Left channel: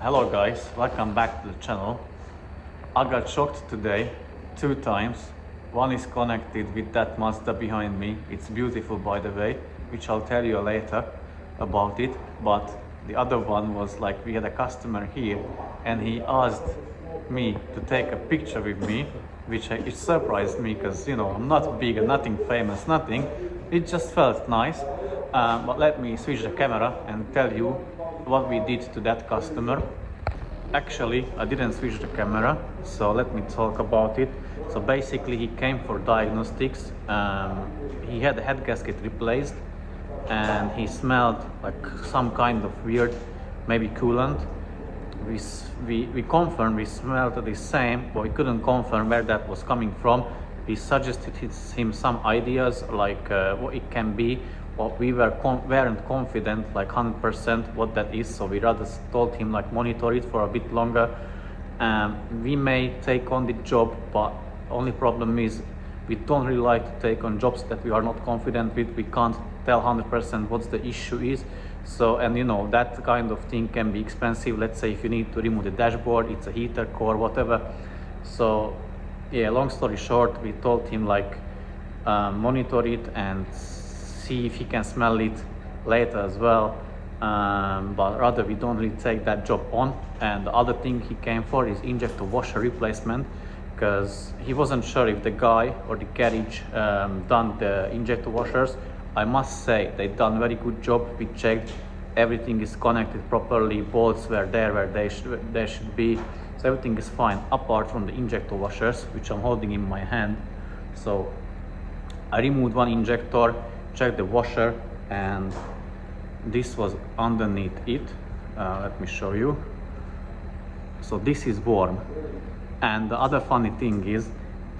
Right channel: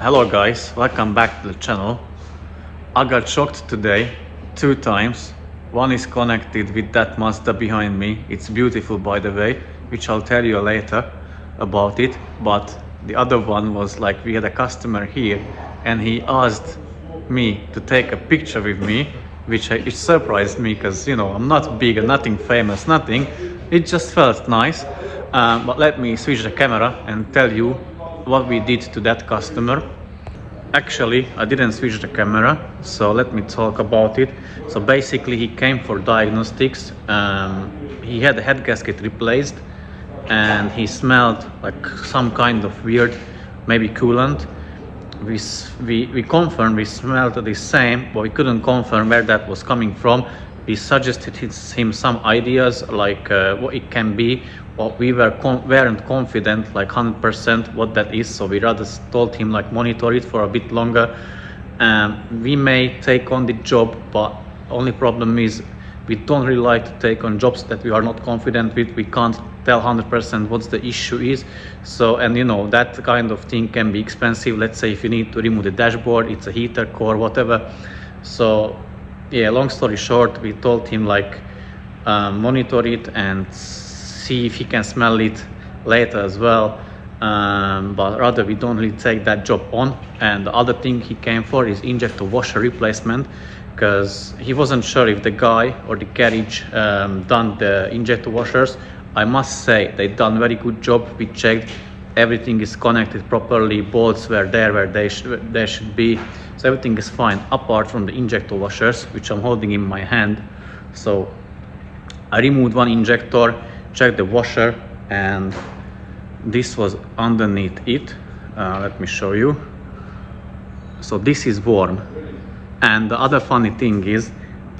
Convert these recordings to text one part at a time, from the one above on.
Hello guys, welcome back to the channel. I got shocked today 2 times. One is connected with that Mazda behind me. It's beautiful, by the way, which I'll tell you later about it. But the other one was like, we had a customer here and he asked me to take a picture with me, which it surprised me because, you know, I'm not big and nothing famous, nothing. It just felt nice. But let me switch the camera and tell you what we did to that customer. Actually, I didn't switch the camera, so let me talk about it. So basically, he came for diagnostics. He had the head gasket replaced and he smelled like some kind of weird, maybe coolant. We confirmed we smelled the same, but we couldn't confirm where that was coming from. We suggested him some ideas like what it can be, but we weren't confident like 100% what that is, so we rather told him like monitor it for a bit longer. We may take on the job, but only problem is we don't really like to take on jobs that we are not confident with. We can't tell 100% what the issue is. So, and you know, that kind of thing can be expensive. Let's say if you need to remove the dashboard, it's a heater core, whatever. So yeah, long story short, we told him like monitor it and see if he can smell it later as well. But rather we don't really take that job on. And the other thing he came for is injector washer replacement, because he wasn't sure if the guy or the garage done the injector washers. I must say they done very good job. We checked, everything is connected properly, bolts were there where they should be, so everything is fine apart from the injector washers, which I'm holding in my hand. So I removed one injector, checked the washer, and this was underneath it. Let me show you. So this is worn. And the other funny thing is,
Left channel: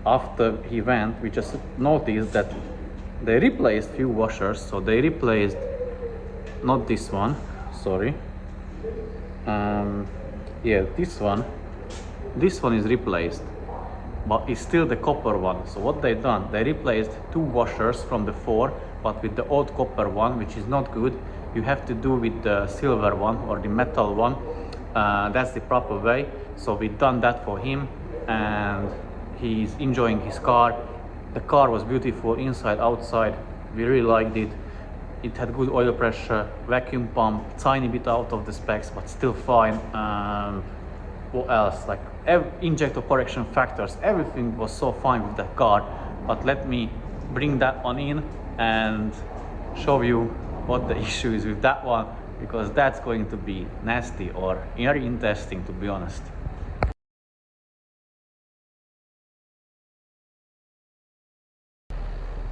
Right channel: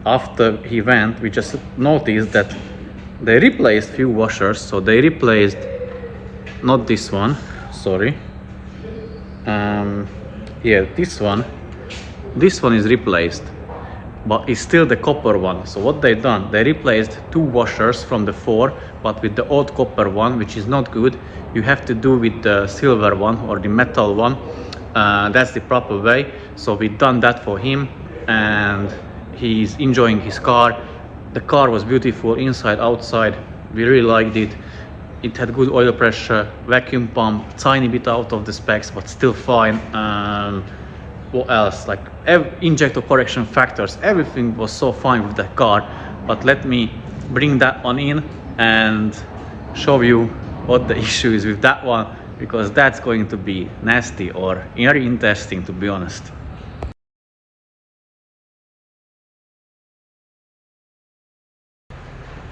after he went, we just noticed that they replaced few washers. So they replaced, not this one, sorry. Yeah, this one is replaced, but it's still the copper one. So what they done, they replaced 2 washers from the 4, but with the old copper one, which is not good. You have to do with the silver one or the metal one. That's the proper way. So we done that for him and he's enjoying his car. The car was beautiful inside, outside. We really liked it. It had good oil pressure, vacuum pump, tiny bit out of the specs, but still fine. What else? Like injector correction factors, everything was so fine with the car. But let me bring that one in and show you what the issue is with that one, because that's going to be nasty or very interesting, to be honest.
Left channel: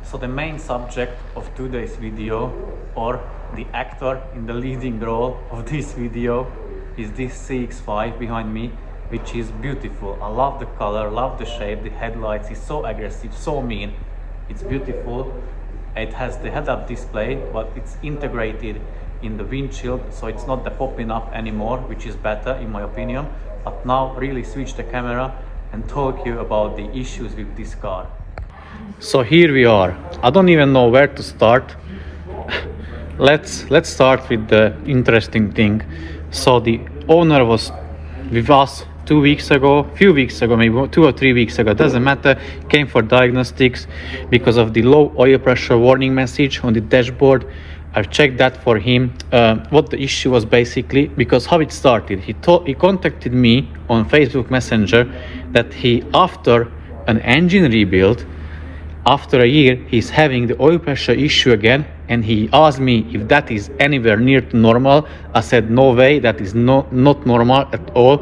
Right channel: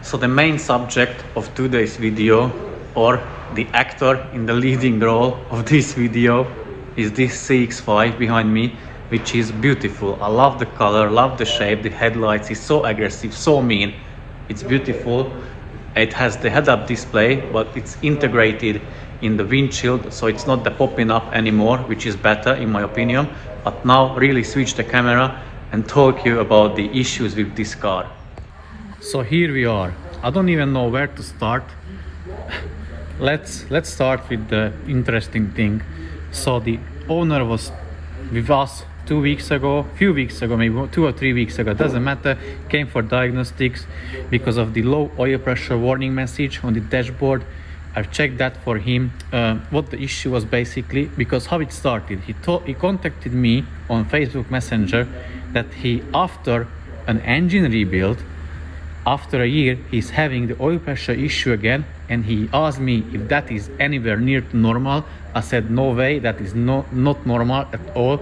So the main subject of today's video, or the actor in the leading role of this video, is this CX5 behind me, which is beautiful. I love the color, love the shape, the headlights is so aggressive, so mean. It's beautiful. It has the head-up display, but it's integrated in the windshield, so it's not the popping up anymore, which is better in my opinion. But now really switch the camera and talk you about the issues with this car. So here we are. I don't even know where to start. Let's start with the interesting thing. So the owner was with us few weeks ago, maybe 2 or 3 weeks ago, doesn't matter, came for diagnostics because of the low oil pressure warning message on the dashboard. I've checked that for him, what the issue was basically, because how it started. He contacted me on Facebook Messenger that he, after an engine rebuild, after a year, he's having the oil pressure issue again, and he asked me if that is anywhere near to normal. I said no way, that is not normal at all.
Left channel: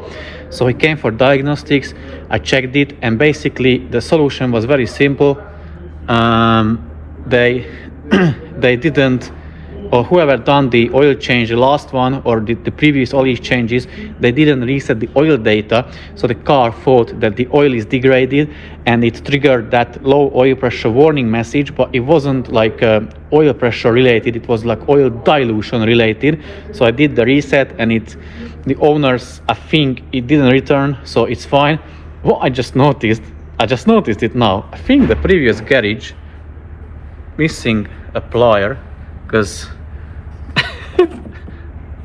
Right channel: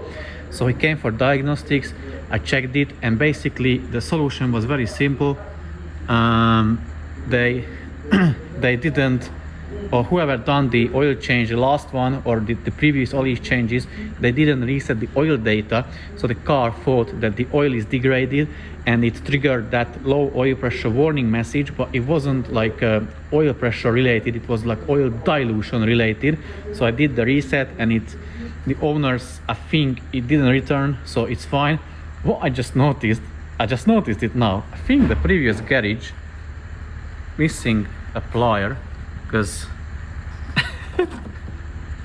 So he came for diagnostics. I checked it, and basically the solution was very simple. They didn't, or whoever done the oil change, the last one or the previous oil changes, they didn't reset the oil data, so the car thought that the oil is degraded and it triggered that low oil pressure warning message, but it wasn't like oil pressure related, it was like oil dilution related. So I did the reset and the owners, I think it didn't return, so it's fine. What I just noticed it now, I think the previous garage missing a plier, because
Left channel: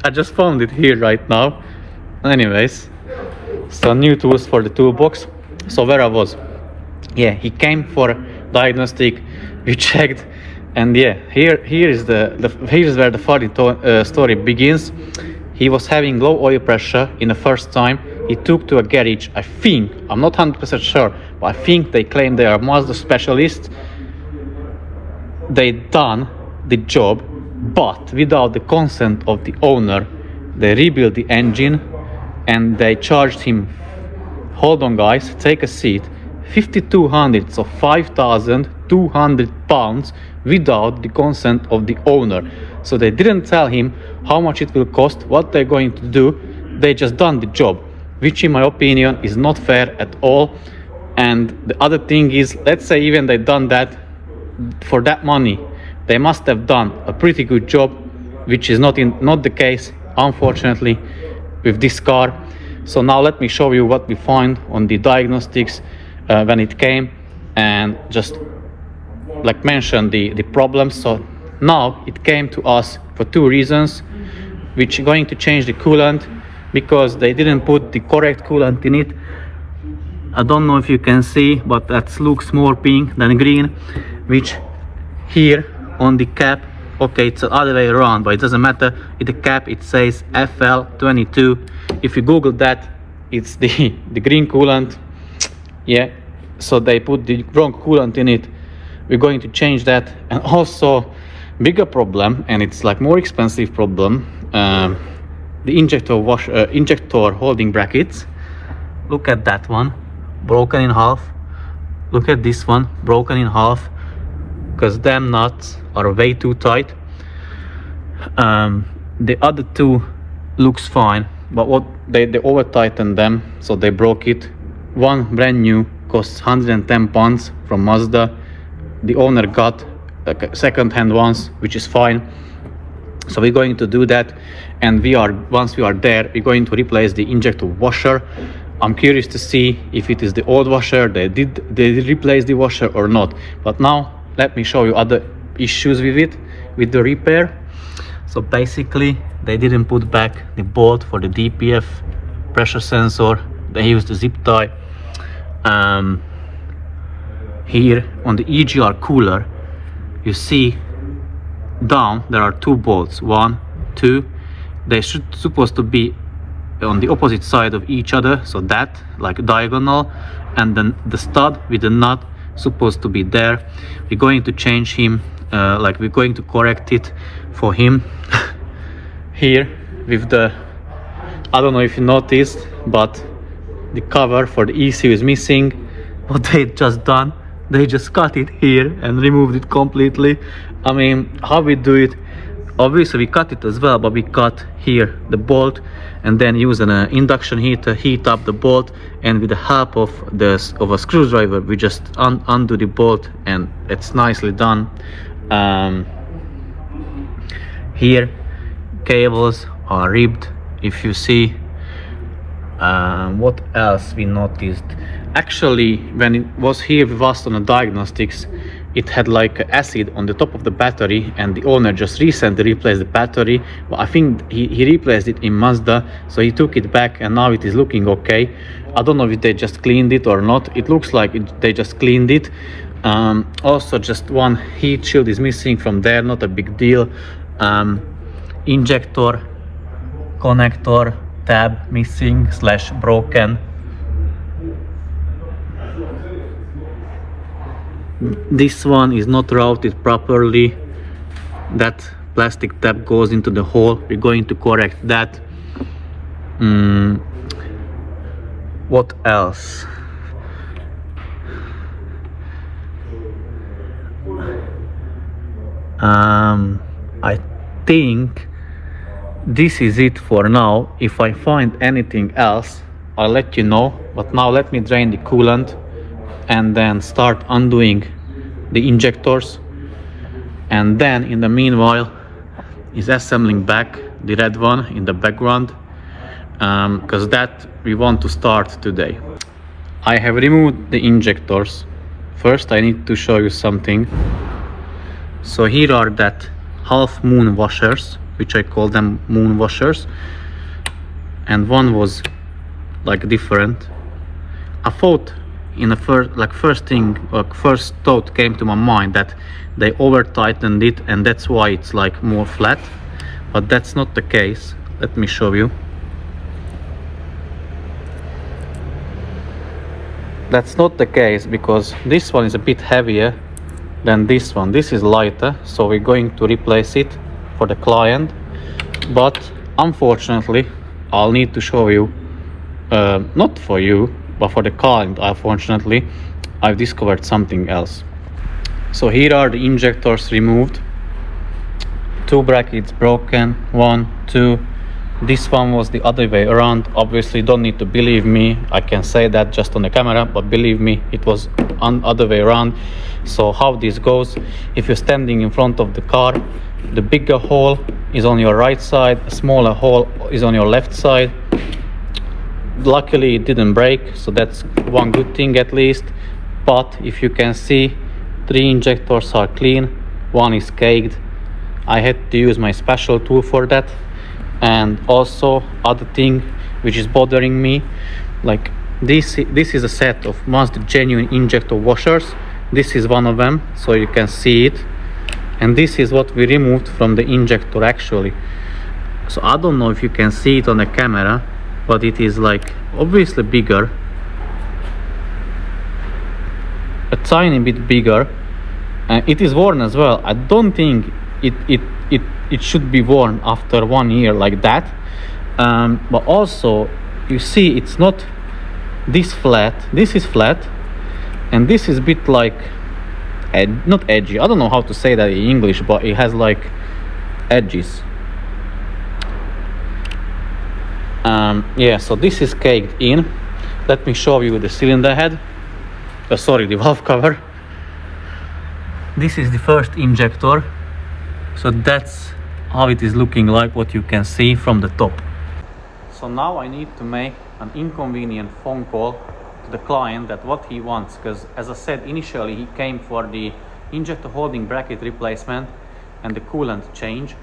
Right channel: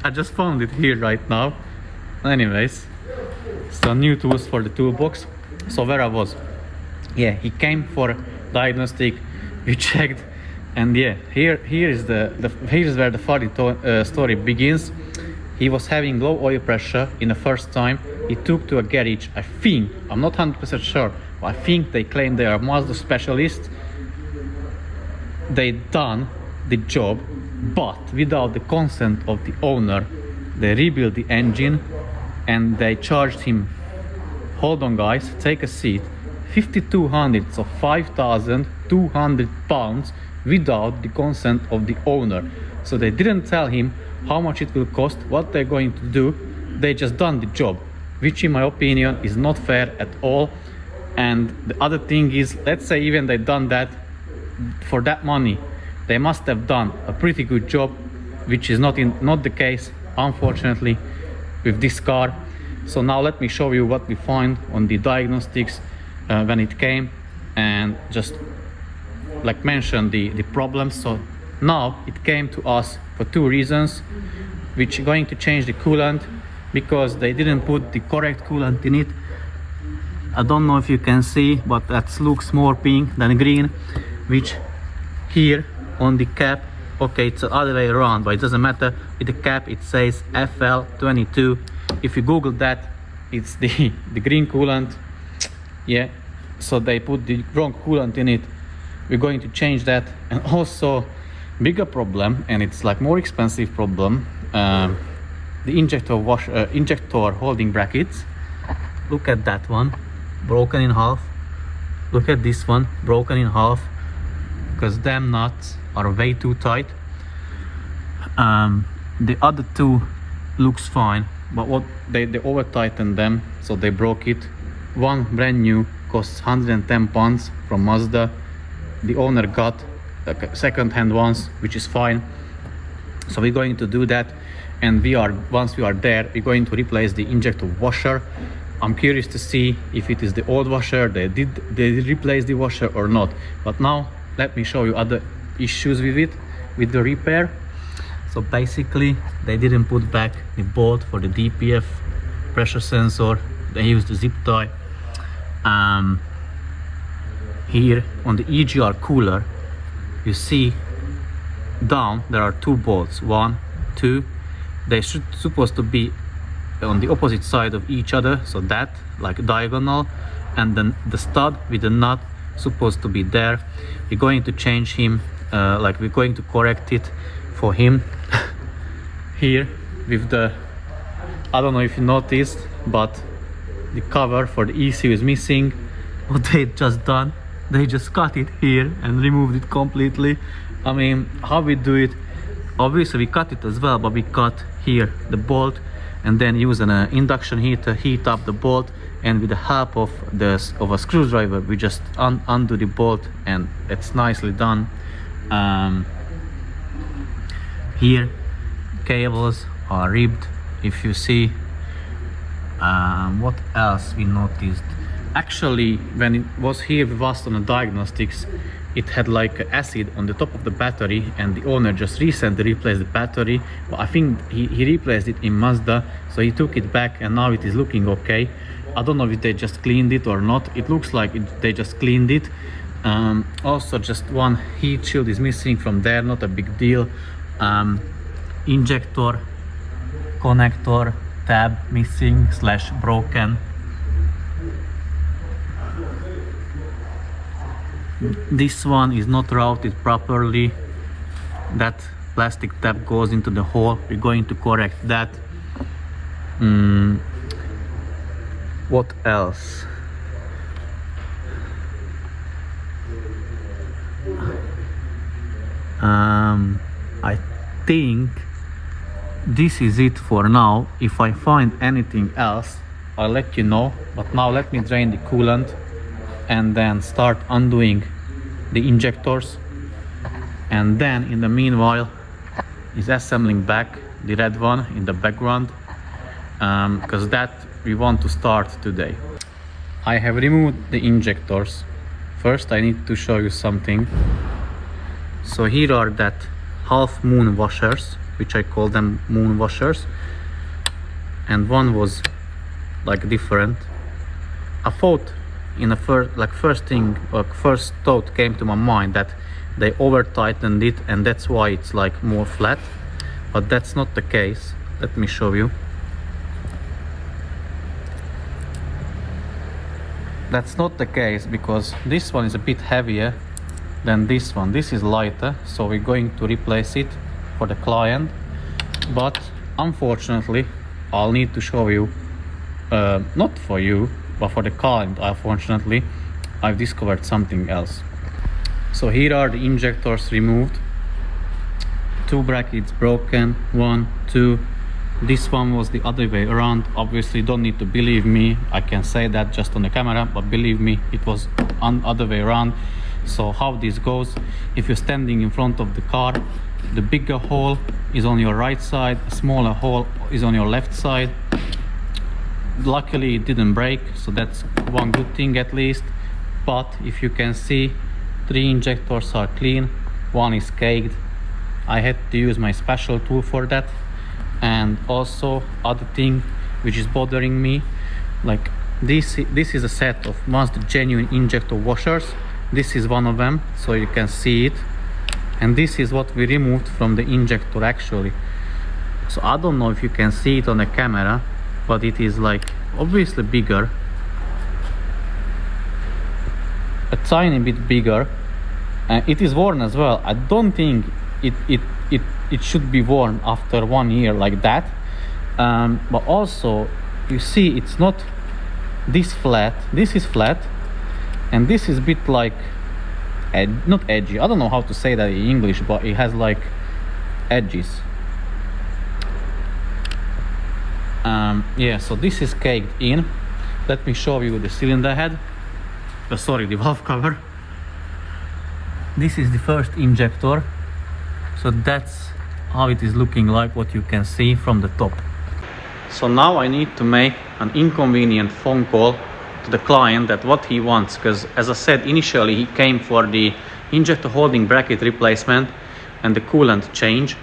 I just found it here right now. Anyways, so new tools for the toolbox. So where I was, yeah, he came for diagnostic, we checked, and yeah, here's where the funny story begins. He was having low oil pressure in the first time. He took to a garage, I think, I'm not 100% sure, but I think they claim they are Mazda specialists. They done the job, but without the consent of the owner. They rebuilt the engine and they charged him, hold on guys, take a seat, 5,200, so 5,200 pounds without the consent of the owner. So they didn't tell him how much it will cost, what they're going to do. They just done the job, which in my opinion is not fair at all. And the other thing is, let's say even they done that for that money, they must have done a pretty good job, which is not the case, unfortunately, with this car. So now let me show you what we find on the diagnostics when it came, and just like mention the problems. So now it came to us for two reasons, which are going to change the coolant, because they didn't put the correct coolant in it. I don't know if you can see, but that looks more pink than green, which here on the cap, okay, it's the other way around, but it doesn't matter. With the cap it says FL22. If you Google that, it's the green coolant. Yeah, so they put the wrong coolant in it. We're going to change that. And also bigger problem, and it's like more expensive problem, the injector holding brackets. Look at that one, broken in half. Look at this one, broken in half, because them nuts are way too tight. The other two looks fine, but what they over tightened them, so they broke it. One brand new costs 110 pounds from Mazda. The owner got second-hand ones, which is fine. So we're going to do that, and once we are there, we're going to replace the injector washer. I'm curious to see if it is the old washer, they did replace the washer or not. But now let me show you other issues with it, with the repair. So basically they didn't put back the bolt for the DPF pressure sensor. They used the zip tie. Here on the EGR cooler, you see down there are two bolts, 1, 2. They supposed to be on the opposite side of each other, so that like diagonal, and then the stud with the nut supposed to be there. We're going to change him, we're going to correct it for him. Here with the, I don't know if you noticed, but the cover for the ECU is missing. What they just done, they just cut it here and removed it completely. I mean, how we do it, obviously we cut it as well, but we cut here the bolt and then use an induction heater, heat up the bolt, and with the help of a screwdriver we just undo the bolt, and it's nicely done. Here cables are ribbed, if you see. What else we noticed? Actually, when it was here with us on the diagnostics, it had like acid on the top of the battery, and the owner just recently replaced the battery. Well, I think he replaced it in Mazda, so he took it back and now it is looking okay. I don't know if they just cleaned it or not. It looks like they just cleaned it. Also just one heat shield is missing from there, not a big deal. Injector connector tab missing / broken. This one is not routed properly. That plastic tab goes into the hole. We're going to correct that. What else? I think this is it for now. If I find anything else, I'll let you know. But now let me drain the coolant and then start undoing the injectors, and then in the meanwhile is assembling back the red one in the background, because that we want to start today. I have removed the injectors. First I need to show you something. So here are that half moon washers, which I call them moon washers. and one was like different. I thought in the first thought came to my mind that they over tightened it and that's why it's like more flat, but that's not the case. Let me show you. That's not the case, because this one is a bit heavier than this one. This is lighter, so we're going to replace it for the client, but unfortunately I'll need to show you, not for you but for the client. Unfortunately I've discovered something else. So here are the injectors removed. 2 brackets broken, 1, 2. This one was the other way around. Obviously don't need to believe me, I can say that just on the camera, but believe me, it was other way around. So how this goes: if you're standing in front of the car, the bigger hole is on your right side, a smaller hole is on your left side. Luckily it didn't break, so that's one good thing at least. But if you can see, 3 injectors are clean, 1 is caked. I had to use my special tool for that. And also other thing which is bothering me, like this is a set of Mazda genuine injector washers. This is one of them, so you can see it, and this is what we removed from the injector actually. So I don't know if you can see it on the camera, but it is like obviously bigger, a tiny bit bigger, and it is worn as well. I don't think it should be worn after 1 year like that. But also you see it's not this flat, this is flat, and this is a bit like not edgy, I don't know how to say that in English, but it has like edges. Yeah, so this is caked in. Let me show you the cylinder head, sorry, the valve cover. This is the first injector, so that's how it is looking like, what you can see from the top. So now I need to make an inconvenient phone call to the client that what he wants, because as I said initially, he came for the injector holding bracket replacement and the coolant change.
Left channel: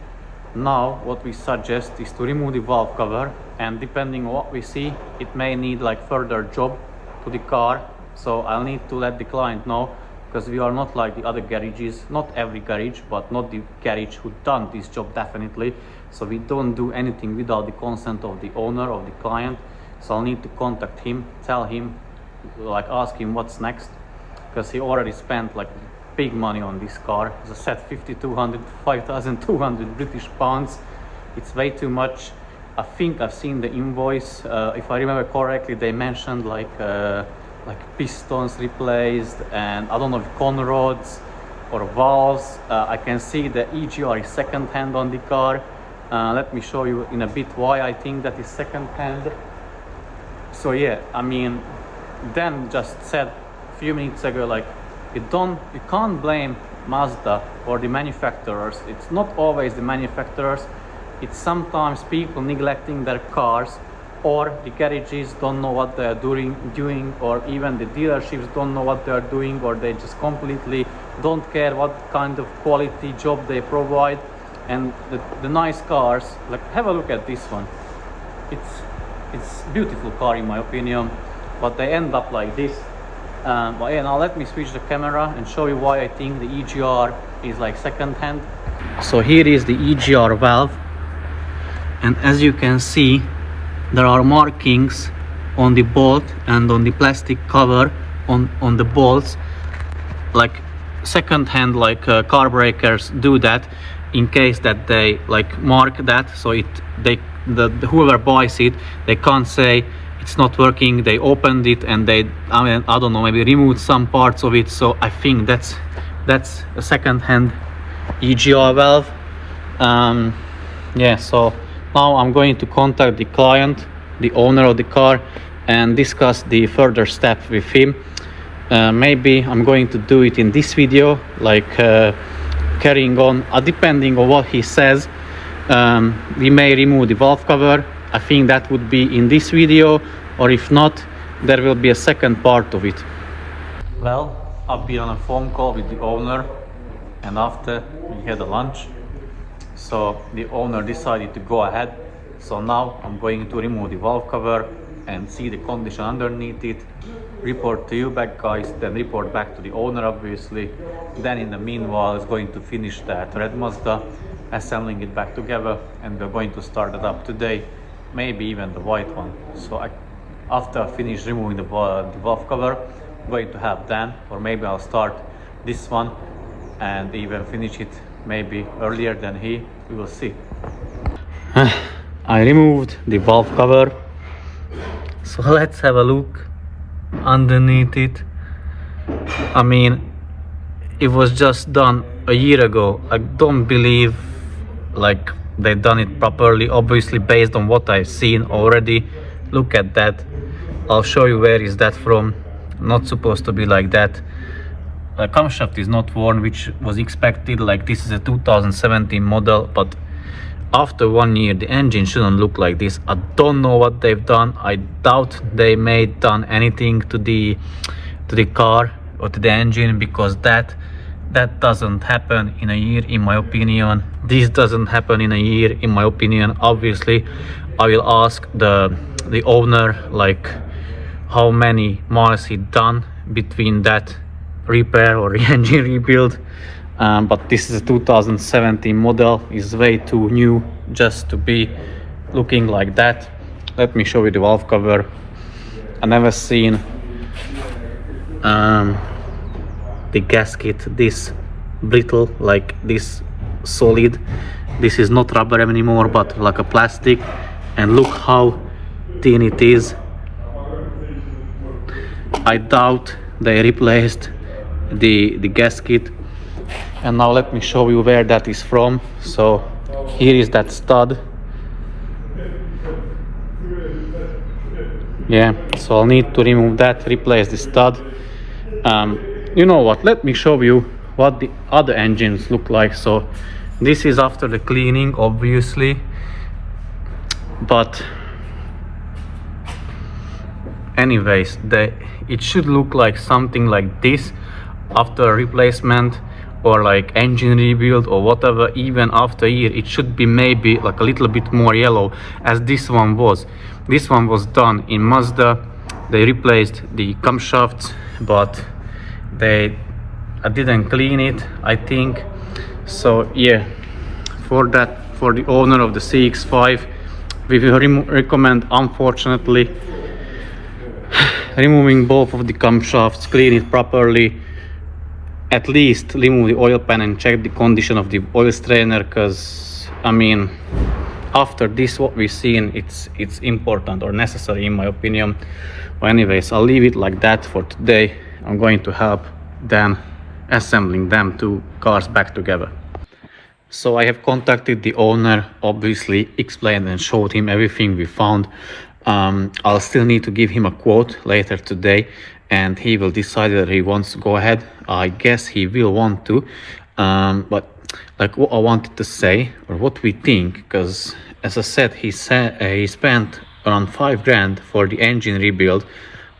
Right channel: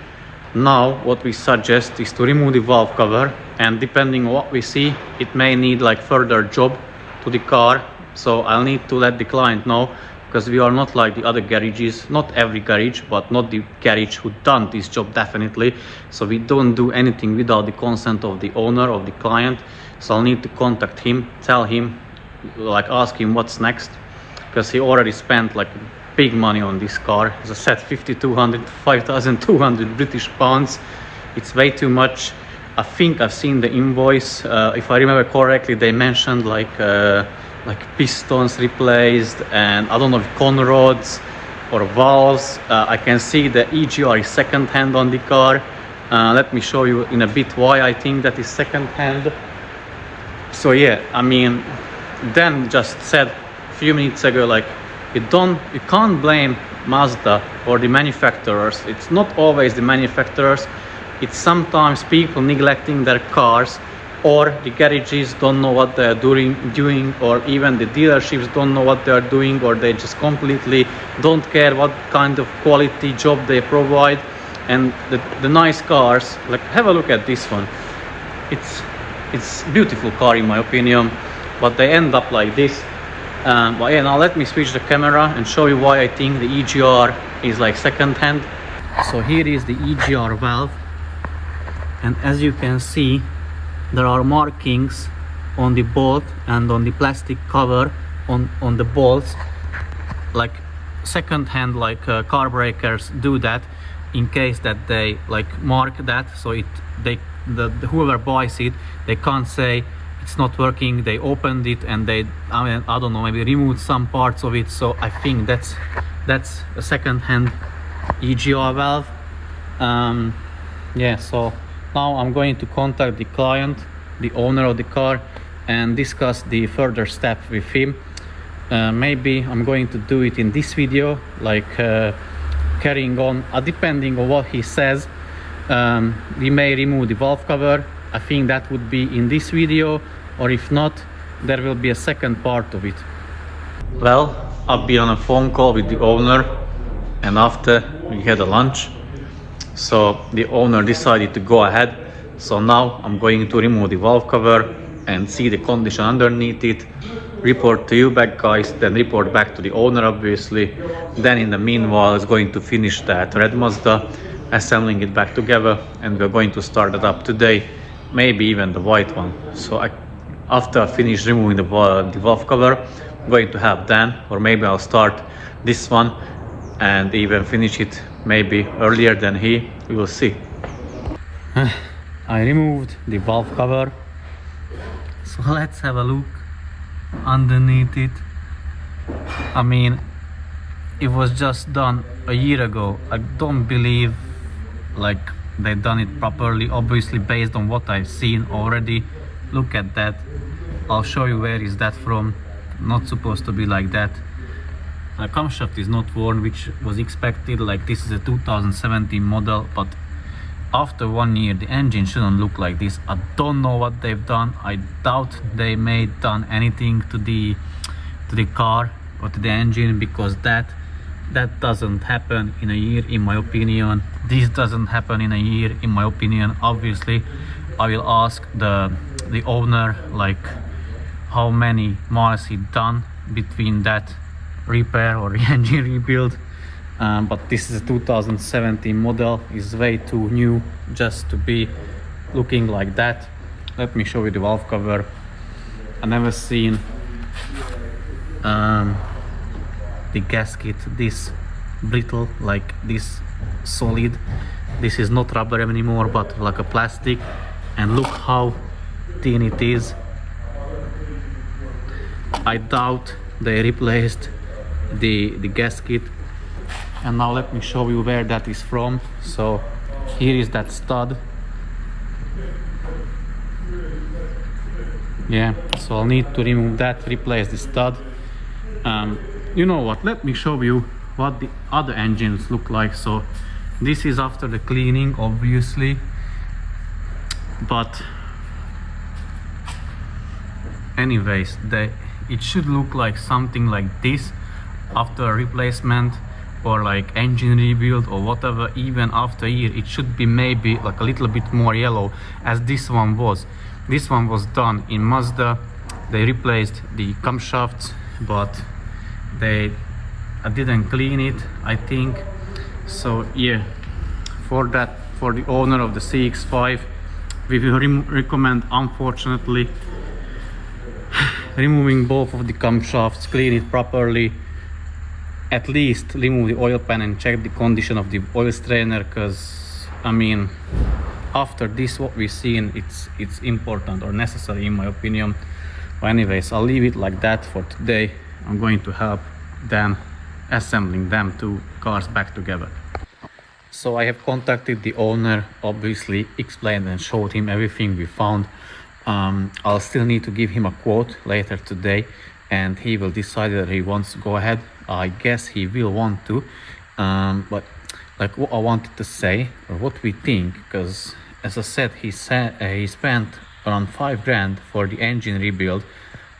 Now what we suggest is to remove the valve cover, and depending on what we see, it may need like further job to the car. So I'll need to let the client know, because we are not like the other garages, not every garage, but not the garage who done this job definitely. So we don't do anything without the consent of the owner, of the client. So I'll need to contact him, tell him, like ask him what's next, because he already spent like big money on this car. As I said, 5,200 to 5,200 British pounds. It's way too much. I think I've seen the invoice. If I remember correctly, they mentioned like pistons replaced, and I don't know if con rods or valves. I can see the EGR is second hand on the car. Let me show you in a bit why I think that is second hand. So yeah, I mean, Dan just said a few minutes ago, like you can't blame Mazda or the manufacturers. It's not always the manufacturers, it's sometimes people neglecting their cars, or the garages don't know what they're doing, or even the dealerships don't know what they're doing, or they just completely don't care what kind of quality job they provide. And the nice cars, like have a look at this one, it's beautiful car in my opinion, but they end up like this. But yeah, now let me switch the camera and show you why I think the EGR is like second hand. So here is the EGR valve, and as you can see, there are markings on the bolt and on the plastic cover on the bolts, like second hand, like car breakers do that in case that they like mark that, so whoever buys it, they can't say it's not working. They opened it and they, I don't know, maybe removed some parts of it. So I think that's a second hand EGR valve. Yeah, so now I'm going to contact the client, the owner of the car, and discuss the further steps with him. Maybe I'm going to do it in this video, like carrying on, depending on what he says. We may remove the valve cover. I think that would be in this video, or if not, there will be a second part of it. Well, I'll be on a phone call with the owner, and after we had a lunch, so the owner decided to go ahead So now I'm going to remove the valve cover and see the condition underneath it, report to you back guys, then report back to the owner obviously. Then in the meanwhile is going to finish that red Mazda, assembling it back together, and we're going to start it up today, maybe even the white one. So after I finish removing the valve cover, I'm going to have Dan, or maybe I'll start this one and even finish it maybe earlier than he. We will see. I removed the valve cover, so let's have a look underneath it. I mean, it was just done a year ago. I don't believe like they've done it properly, obviously based on what I've seen already. Look at that. I'll show you where is that from. Not supposed to be like that. The camshaft is not worn, which was expected. Like, this is a 2017 model, but after 1 year the engine shouldn't look like this. I don't know what they've done. I doubt they may done anything to the car or to the engine, because that doesn't happen in a year, in my opinion. This doesn't happen in a year, in my opinion. Obviously I will ask the owner like how many miles he done between that repair or engine rebuild. But this is a 2017 model, is way too new just to be looking like that. Let me show you the valve cover. I never seen the gasket this brittle, like this solid. This is not rubber anymore, but like a plastic, and look how thin it is. I doubt they replaced the gasket. And now let me show you where that is from. So here is that stud. Yeah, so I'll need to remove that, replace the stud. You know what, let me show you what the other engines look like. So this is after the cleaning, obviously, but anyways, it should look like something like this after a replacement, or like engine rebuild or whatever. Even after a year, it should be maybe like a little bit more yellow, as this one was. This one was done in Mazda. They replaced the camshafts, but I didn't clean it, I think. So yeah, for the owner of the CX5, we will recommend, unfortunately, removing both of the camshafts, clean it properly, at least remove the oil pan and check the condition of the oil strainer, because I mean, after this what we've seen, it's important or necessary in my opinion. But anyways, I'll leave it like that for today. I'm going to help Dan assembling them two cars back together. So I have contacted the owner, obviously explained and showed him everything we found. I'll still need to give him a quote later today, and he will decide whether he wants to go ahead. I guess he will want to, but like what I wanted to say, or what we think, because as I said, he spent around 5 grand for the engine rebuild,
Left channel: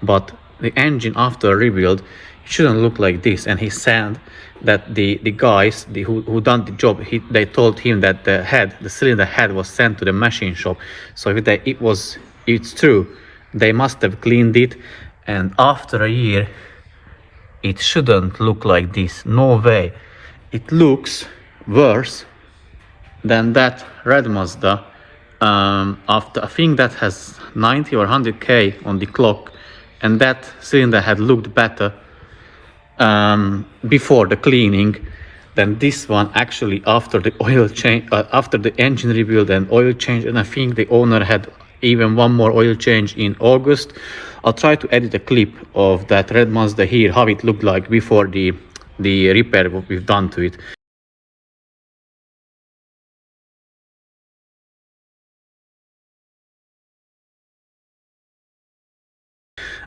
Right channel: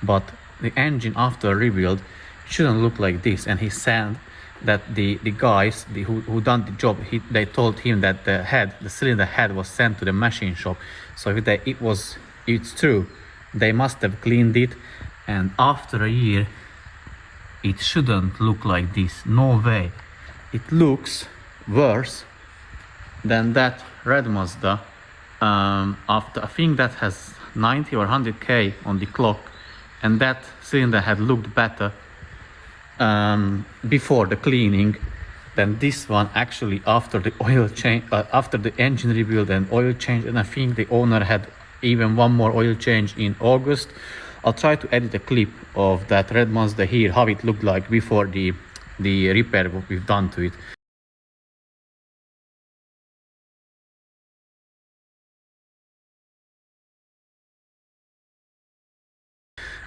but the engine after rebuild shouldn't look like this. And he said that the guys who done the job, they told him that the cylinder head was sent to the machine shop. So if it's true, they must have cleaned it, and after a year it shouldn't look like this. No way. It looks worse than that red Mazda. After, I think that has 90 or 100k on the clock, and that cylinder had looked better before the cleaning than this one. Actually, after the oil change, after the engine rebuild and oil change, and I think the owner had even one more oil change in August. I'll try to edit a clip of that red Mazda here, how it looked like before the repair what we've done to it.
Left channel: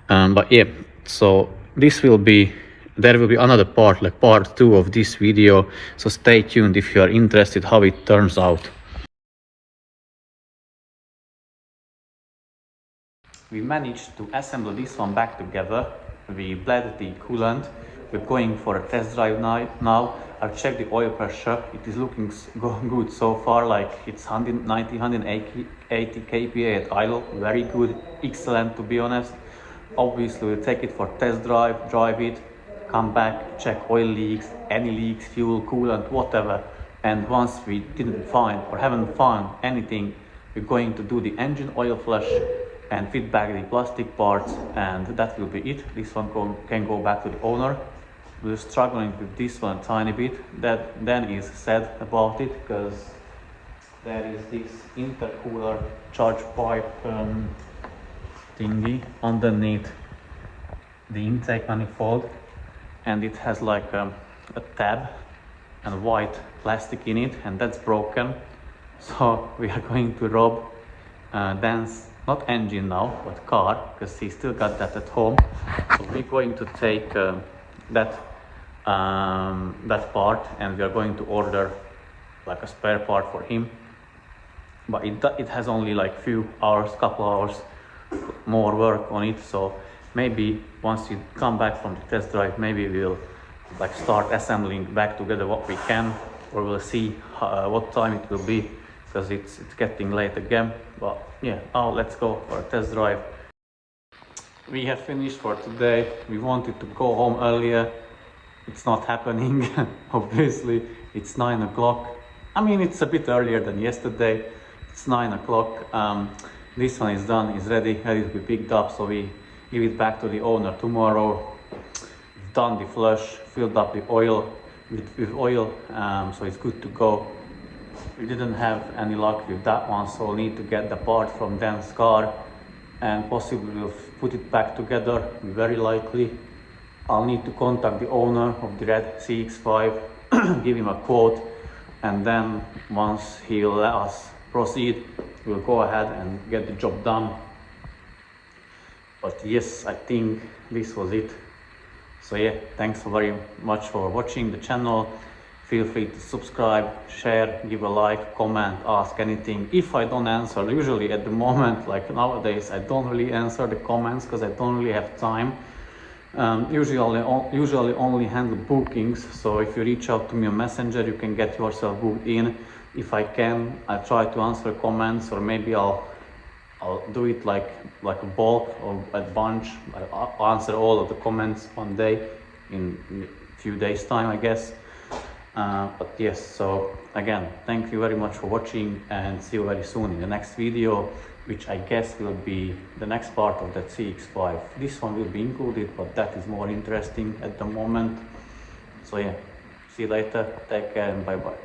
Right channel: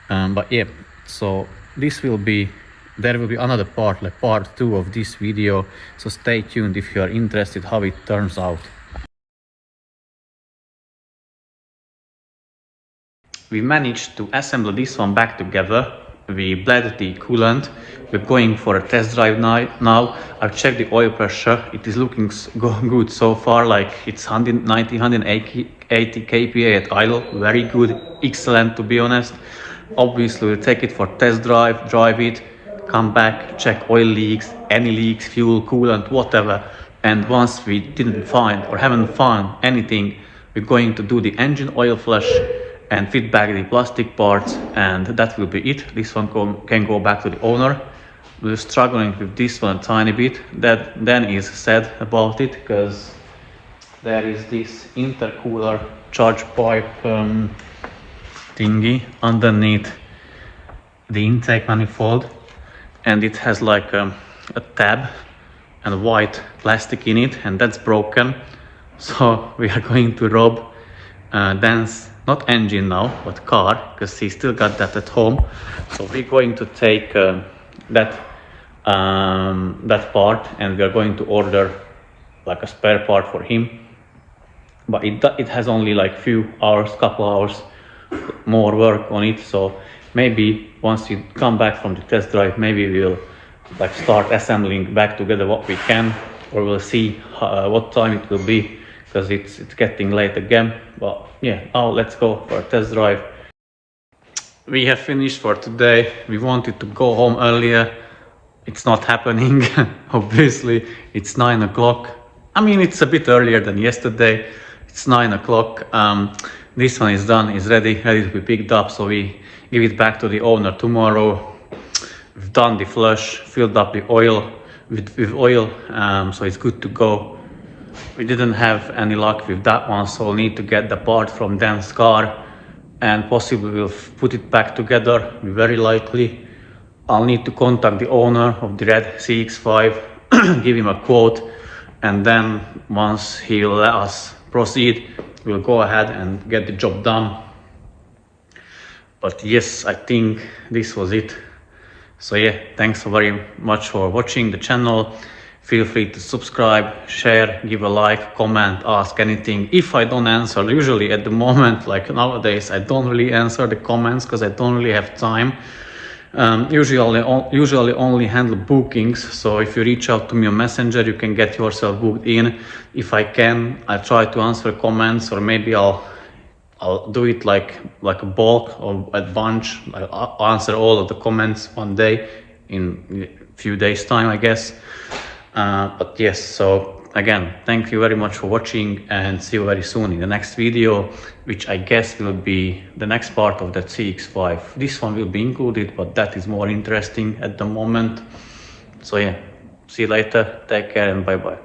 But yeah, so there will be another part, like part 2 of this video, so stay tuned if you are interested how it turns out. We managed to assemble this one back together. We bled the coolant. We're going for a test drive now. I've checked the oil pressure. It is looking good so far, like it's 190, 180 80 kPa at idle, very good, excellent to be honest. Obviously we'll take it for test drive it, come back, check oil leaks, any leaks, fuel, coolant, whatever. And once we didn't find or haven't found anything, we're going to do the engine oil flush and fit back the plastic parts, and that will be it. This one can go back to the owner. We're struggling with this one a tiny bit. That then is said about it, because there is this intercooler charge pipe thingy underneath the intake manifold, and it has like a tab and white plastic in it, and that's broken. So we are going to rob Dan's, not engine now, but car, because he still got that at home. So we're going to take that part, and we are going to order like a spare part for him. But it has only like couple hours more work on it. So maybe once you come back from the test drive, maybe we'll like start assembling back together what we can, or we'll see what time it will be, because it's getting late again. But yeah, now let's go for a test drive. We have finished for today. We wanted to go home earlier. It's not happening. Obviously it's 9 o'clock. I mean, it's a bit earlier than yesterday. It's 9 o'clock. This one is done, is ready to be picked up, so we give it back to the owner tomorrow. We've done the flush, filled up the oil with oil, so it's good to go. We didn't have any luck with that one, so we'll need to get the part from Dan's car, and possibly we'll put it back together, very likely. I'll need to contact the owner of the red CX5, give him a quote, and then once he'll let us proceed, we'll go ahead and get the job done. But yes, I think this was it. So yeah, thanks very much for watching the channel. Feel free to subscribe, share, give a like, comment, ask anything. If I don't answer, usually at the moment, like nowadays, I don't really answer the comments because I don't really have time. Usually only handle bookings, so if you reach out to me on Messenger, you can get yourself booked in. If I can, I try to answer comments, or maybe I'll do it like a bulk or a bunch. I'll answer all of the comments one day in a few days time, I guess. But yes, so again, thank you very much for watching, and see you very soon in the next video, which I guess will be the next part of that CX5. This one will be included, but that is more interesting at the moment. So yeah, see you later, take care, and bye bye.